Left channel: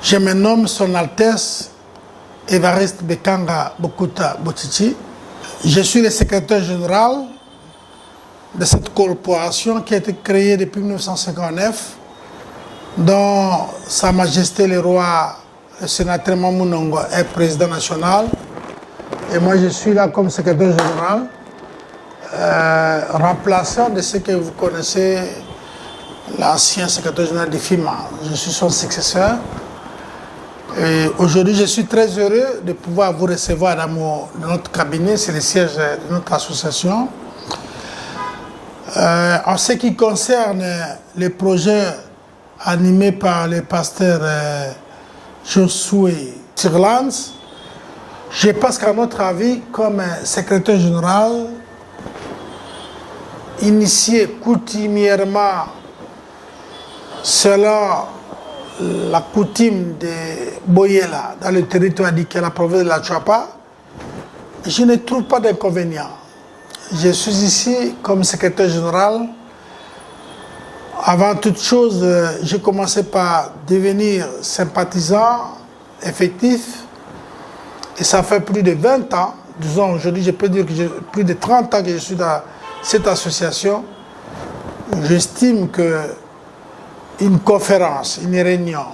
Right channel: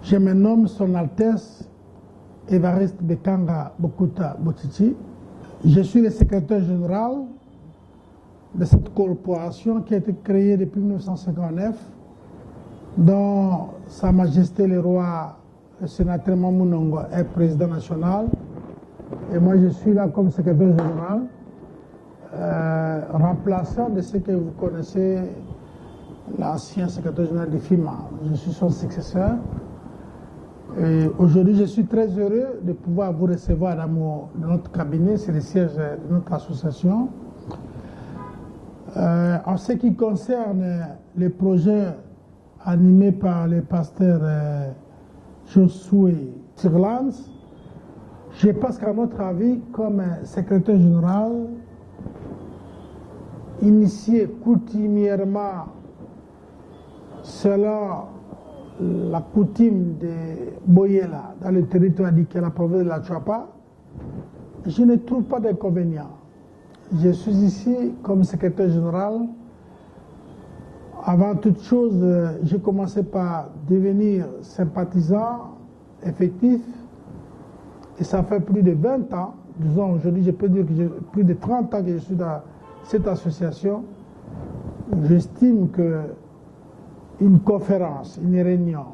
Je me nomme Son Altesse Évariste Bekanga Bokouta Botiti. Je suis le secrétaire général de cette corporation qui a été créée depuis 1959, dont Sa Majesté le Roi, le sénateur Mamou Nongo, est président national. Et moi, je suis là comme secrétaire général, remplaçant de ce que vous connaissez, l'ancien secrétaire général de FIMA. Je suis son successeur. Aujourd'hui, je suis très heureux de pouvoir vous recevoir dans notre cabinet, c'est le siège de notre association. En ce qui concerne les projets animés par le pasteur Josué Tirlands, je pense qu'à notre avis, comme secrétaire général, initié coutumièrement selon la coutume de Boyela dans le territoire de la province de la Chuapa, je ne trouve pas d'inconvénient. Je suis ici comme secrétaire général. Avant toute chose, j'ai commencé par devenir sympathisant effectif et ça fait plus de 20 ans, disons aujourd'hui je peux dire que j'ai plus de 30 ans que je suis dans cette association. J'estime que une conférence, une réunion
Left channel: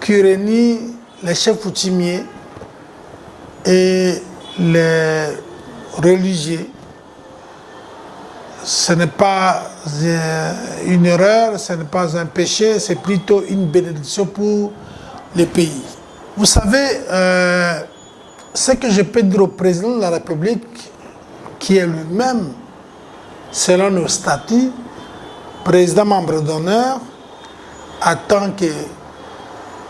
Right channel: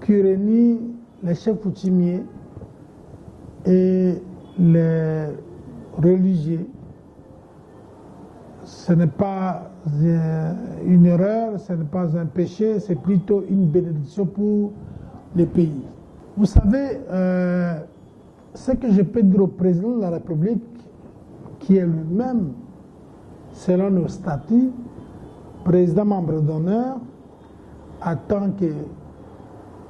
qui réunit les chefs coutumiers et les religieux, ce n'est pas une erreur, ce n'est pas un péché, c'est plutôt une bénédiction pour le pays. Vous savez, ce que je peux dire au président de la République, qui est lui-même, selon nos statuts, président membre d'honneur, en tant que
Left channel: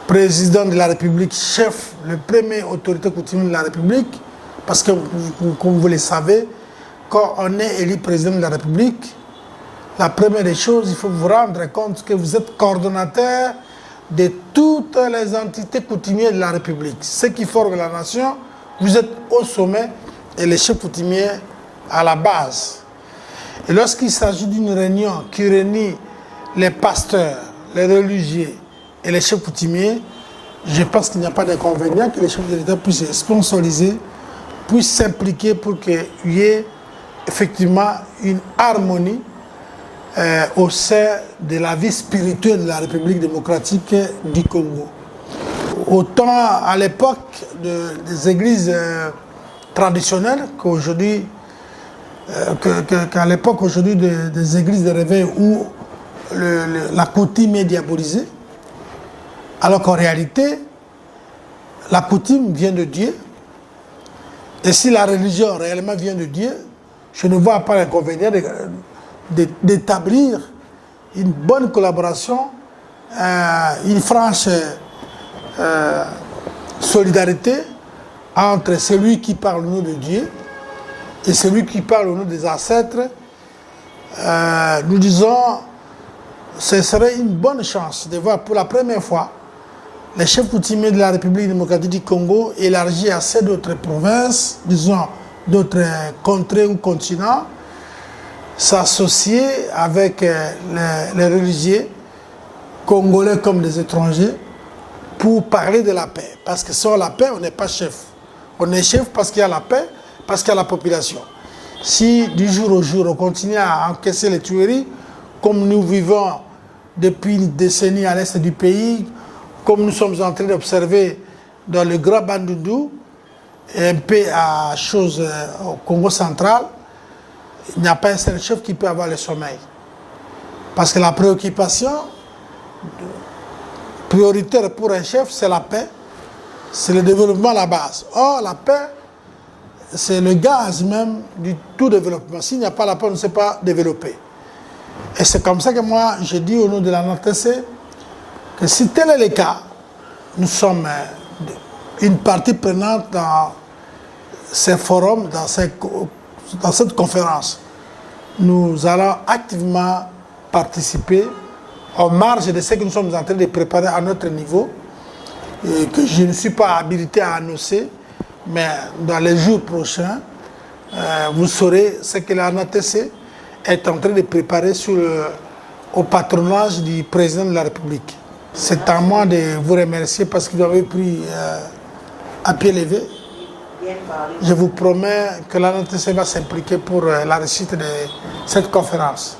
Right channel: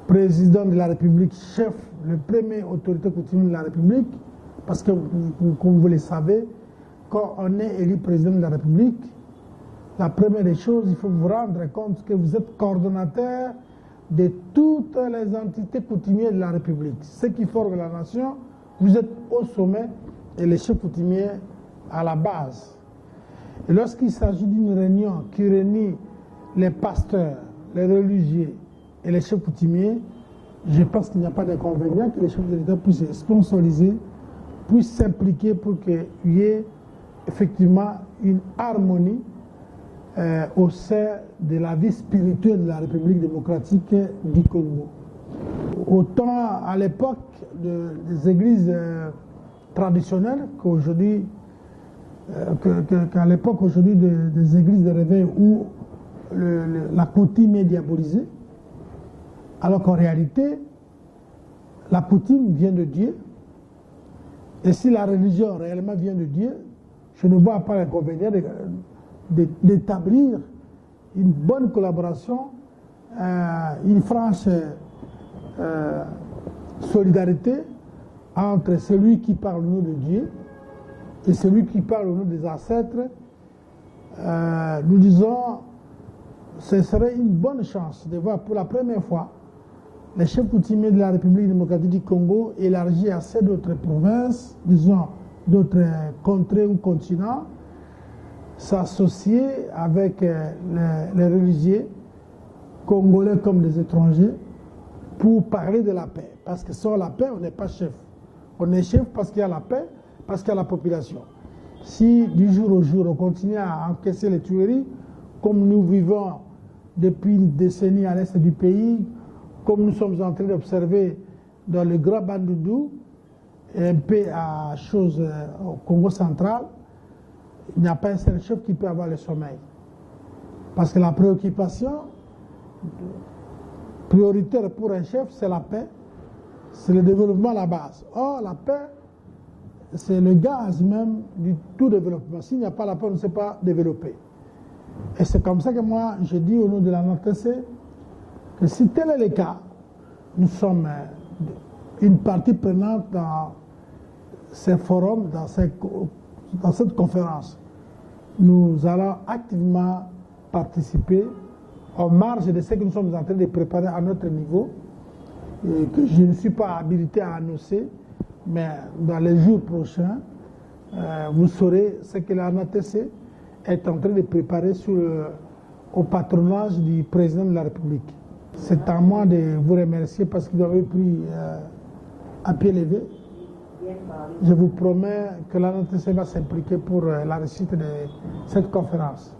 président de la République, chef, le premier autorité coutumière de la République, parce que, comme vous le savez, quand on est élu président de la République, la première des choses, il faut vous rendre compte que vous êtes coordonnateur de toutes les entités coutumières de la République. Ceux qui forment la nation, vous êtes au sommet et les chefs coutumiers à la base. Et lorsqu'il s'agit d'une réunion qui réunit les pasteurs, les religieux et les chefs coutumiers, je pense qu'il n'y a pas d'inconvénient que les chefs de l'État puissent sponsoriser, puissent s'impliquer pour qu'il y ait effectivement une harmonie au sein de la vie spirituelle de la République démocratique du Congo. Autant à l'époque des églises traditionnelles qu'aujourd'hui, qu'à l'époque aujourd'hui des églises de réveil où la coutume est diabolisée, alors qu'en réalité, la coutume vient de Dieu. Et si la religion réellement vient de Dieu, je ne vois pas l'inconvénient d'établir une bonne collaboration, une franche solidarité entre celui qui parle au nom de Dieu et celui qui parle au nom des ancêtres. Nous disons, ce serait une bonne chance de voir pour la première fois les chefs coutumiers de la République démocratique du Congo élargis à ces d'autres provinces, disons d'autres contrées ou continents, s'associer avec les religieux congolais comme des étrangers pour parler de la paix. Parce que sans la paix, on n'est pas chef. On est chef parce qu'il y a la paix, parce qu'il y a la population. Si du jour au jour, on continue à encaisser les tueries, comme nous vivons depuis une décennie à l'est du pays, comme nous sommes en train d'observer dans le Grand Bandundu, et un peu à chose au Congo central, il n'y a pas un seul chef qui peut avoir le sommeil. Parce que la préoccupation prioritaire pour un chef, c'est la paix, c'est le développement à la base. Or, la paix, c'est le gaz même du tout développement. S'il n'y a pas la paix, on ne sait pas développer. Et c'est comme ça que moi, je dis au nom de la NRTC que si tel est le cas, nous sommes une partie prenante dans ces forums, dans cette conférence. Nous allons activement participer en marge de ce que nous sommes en train de préparer à notre niveau, et que je ne suis pas habilité à annoncer, mais dans les jours prochains, vous saurez ce que la NATC est en train de préparer au patronage du président de la République. C'est à moi de vous remercier parce que vous avez pris à pied levé. Je vous promets que la NTC va s'impliquer pour la réussite de cette conférence.